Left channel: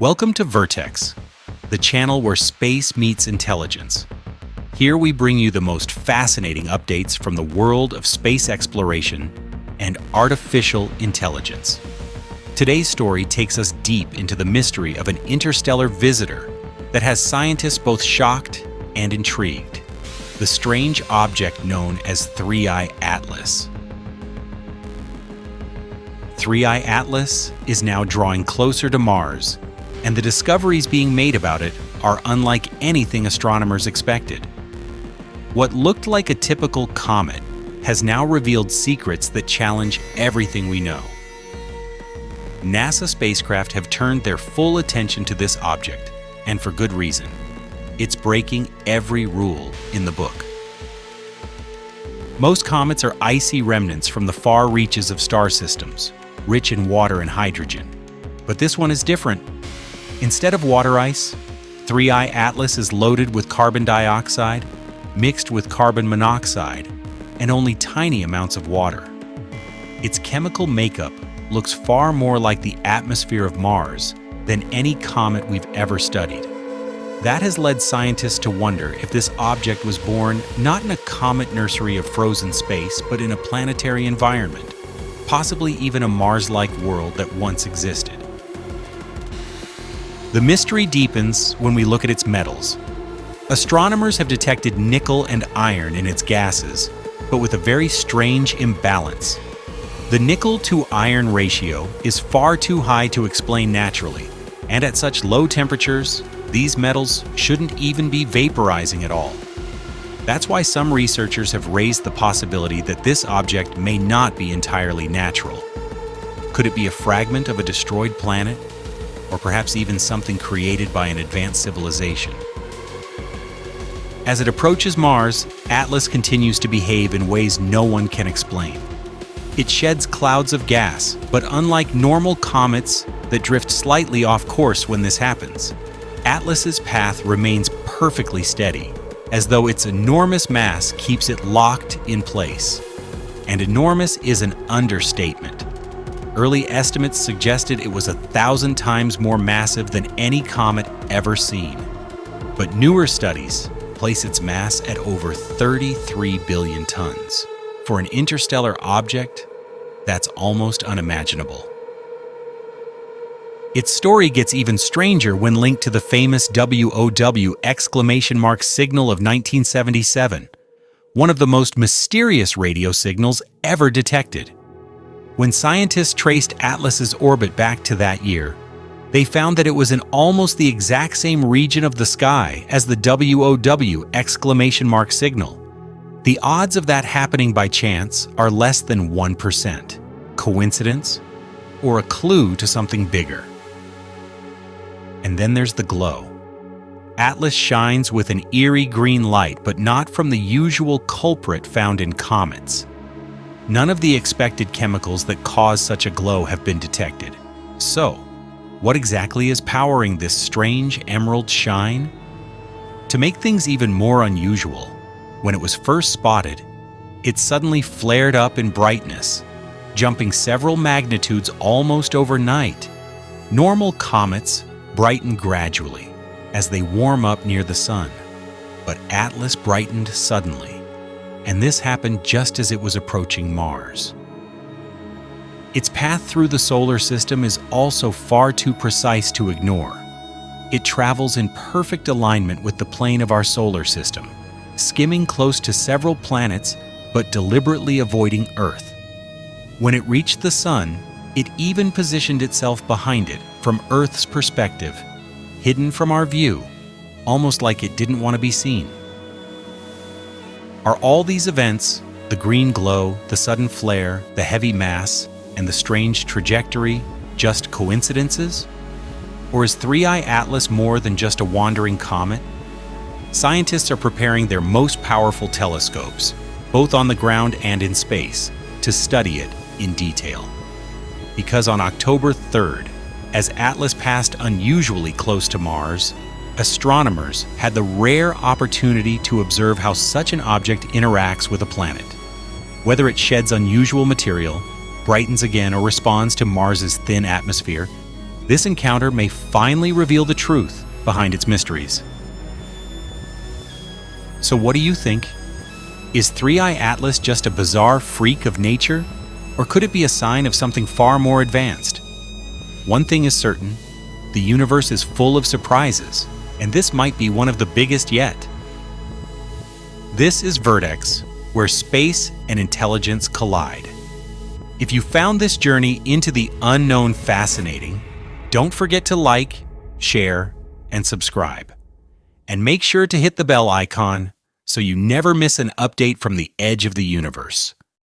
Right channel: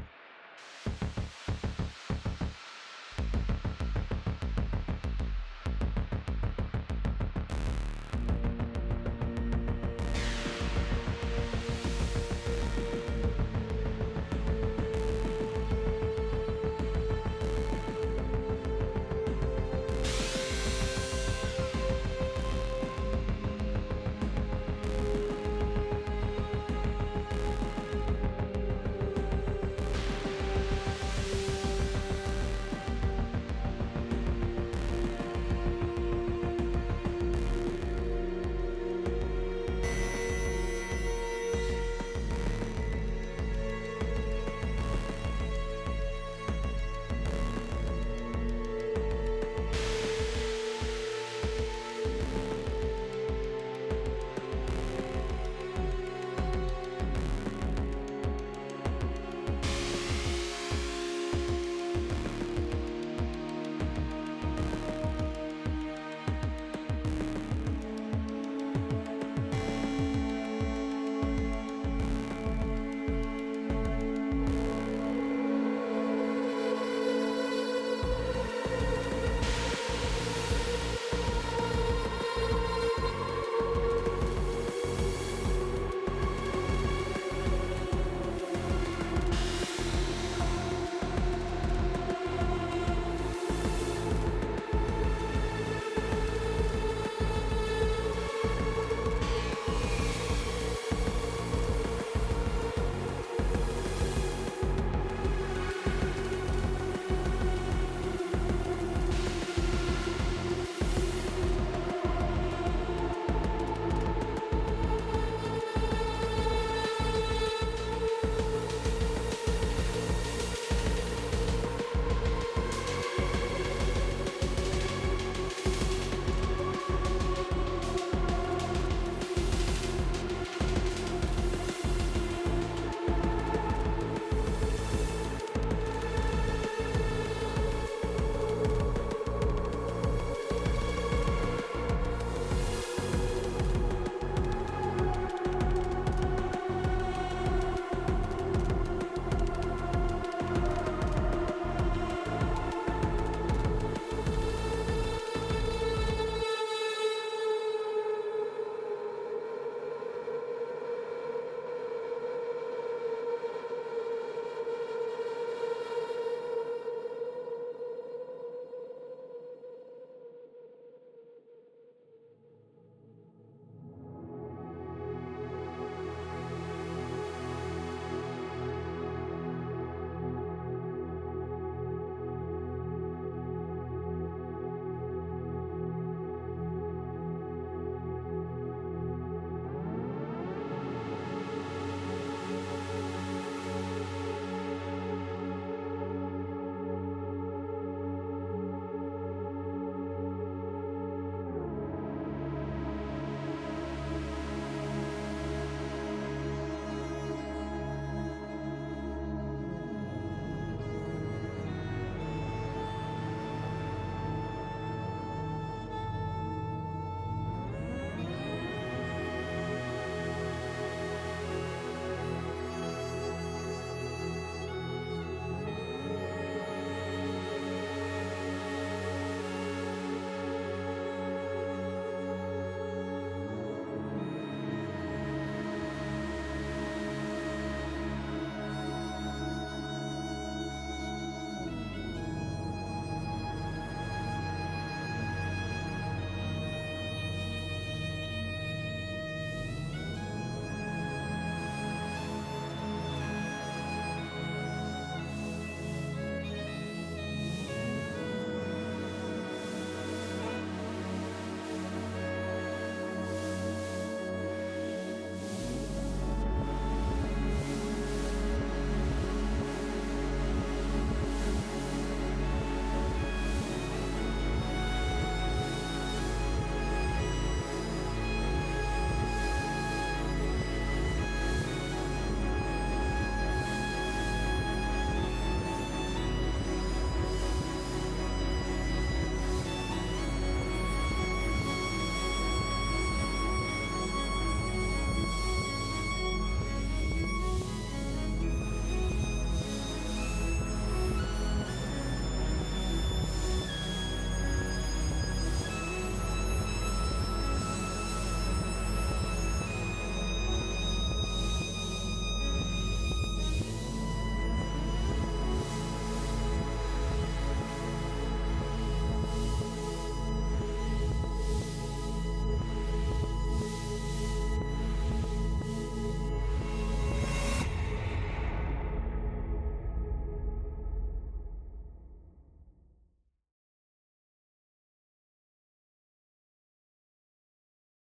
Welcome to Vertex, the channel where space meets intelligence. Here we bring you the most fascinating updates from the world of space exploration and artificial intelligence. Today's story takes us deep into the mystery of an interstellar visitor that has scientists both shocked and intrigued. The strange object known as 3I Atlas. 3I Atlas is now drawing closer to Mars, and the discoveries being made about it are unlike anything astronomers expected. What looked like a typical comet has now revealed secrets that challenge everything we know. NASA spacecraft have turned their full attention to this object, and for good reason. It's breaking every rule in the book. Most comets are icy remnants from the far reaches of star systems, rich in water and hydrogen. But this one is different. Instead of water ice, 3I Atlas is loaded with carbon dioxide, mixed with carbon monoxide, and only tiny amounts of water. Its chemical makeup looks far more like the atmosphere of Mars than any comet we've ever studied. That has led scientists to wonder if this object was born not in a comet nursery of frozen space, but in a planetary environment, possibly even a Mars-like world that once existed. The mystery deepens when we look at its metals. Astronomers have detected nickel and iron in its gases, but with a very strange imbalance. The nickel-to-iron ratio is far too high to explain naturally, and at such low temperatures, these metals shouldn't even be vaporizing at all. That's why some researchers have raised the possibility that this object may not be entirely natural. Could it be a fragment of a destroyed planet? Or perhaps even something created by an advanced civilization? As it approaches Mars, Atlas continues to behave in ways no one can explain. It sheds clouds of gas, but unlike normal comets that drift slightly off course when this happens, Atlas's path remains perfectly steady, as though its enormous mass keeps it locked in place. And enormous is an understatement. Early estimates suggested it was 1,000 times more massive than any comet ever seen. But newer studies place its mass at over 33 billion tons. For an interstellar object, that's almost unimaginable. Its story gets even stranger when linked to the famous WOW signal of 1977, one of the most mysterious radio signals ever detected. When scientists traced Atlas's orbit back to that year, they found that it was in almost the exact same region of the sky as the WOW signal. The odds of that happening by chance are less than 1%. Coincidence? Or a clue to something bigger? And then there's the glow. Atlas shines with an eerie green light, but not from the usual culprit found in comets. None of the expected chemicals that cause such a glow have been detected. So, what exactly is powering this strange emerald shine? To make things even more unusual, when it was first spotted, it suddenly flared up in brightness, jumping several magnitudes almost overnight. Normal comets brighten gradually as they warm up near the sun, but Atlas brightened suddenly. And this happened just as it was approaching Mars. Its path through the solar system is also far too precise to ignore. It travels in perfect alignment with the plane of our solar system, skimming close to several planets but deliberately avoiding Earth. When it reached the Sun, it even positioned itself behind it from Earth's perspective, hidden from our view, almost like it didn't want to be seen. Are all these events, the green glow, the sudden flare, the heavy mass, and the strange trajectory, just coincidences? Or is 3I Atlas more than just a wandering comet? Scientists are preparing their most powerful telescopes, both on the ground and in space, to study it in detail. Because on October 3rd, as Atlas passed unusually close to Mars, astronomers had the rare opportunity to observe how such an object interacts with a planet. Whether it sheds unusual material, brightens again, or responds to Mars's thin atmosphere, This encounter may finally reveal the truth behind its mysteries. So what do you think? Is Three-Eye Atlas just a bizarre freak of nature, or could it be a sign of something far more advanced? One thing is certain, the universe is full of surprises, and this might be one of the biggest yet. This is Vertex, where space and intelligence collide. If you found this journey into the unknown fascinating, don't forget to like, share, and subscribe. And make sure to hit the bell icon so you never miss an update from the edge of the universe.